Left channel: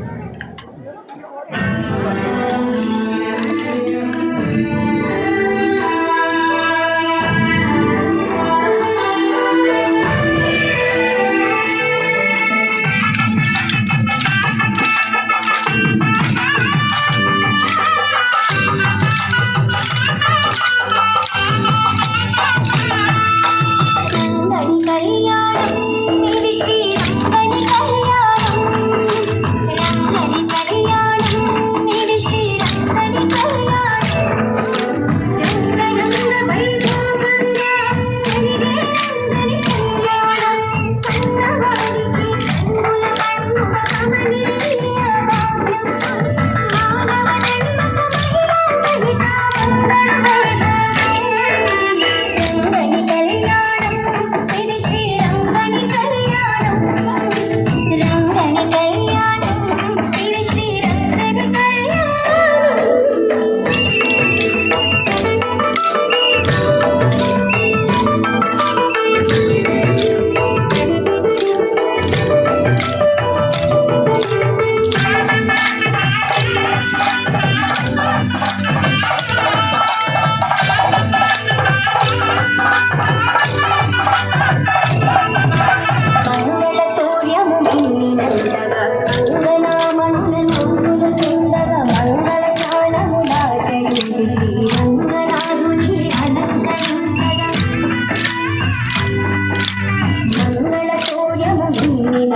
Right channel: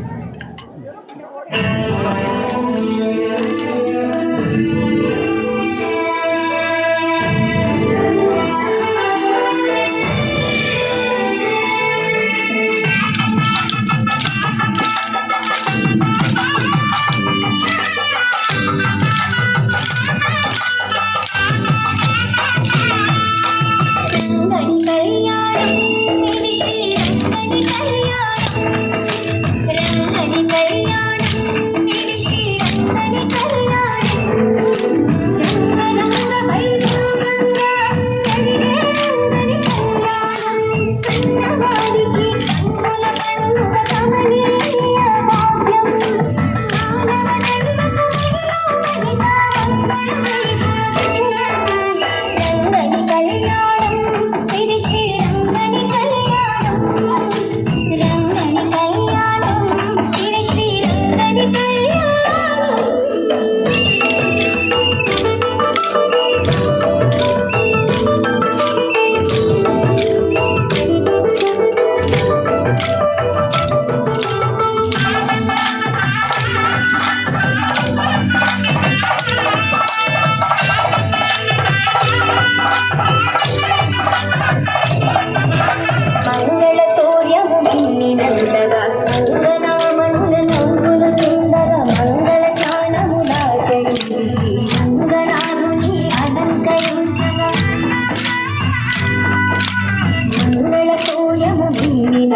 Thank you.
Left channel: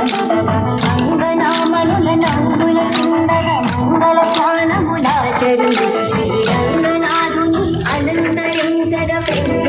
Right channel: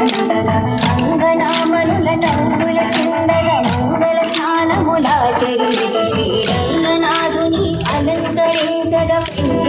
రంగనామనుల నవ్వుల కుండల మంగళ స్నానములాచరించ శ్రీరంగనాథుని అనంతరించగ ప్రేమ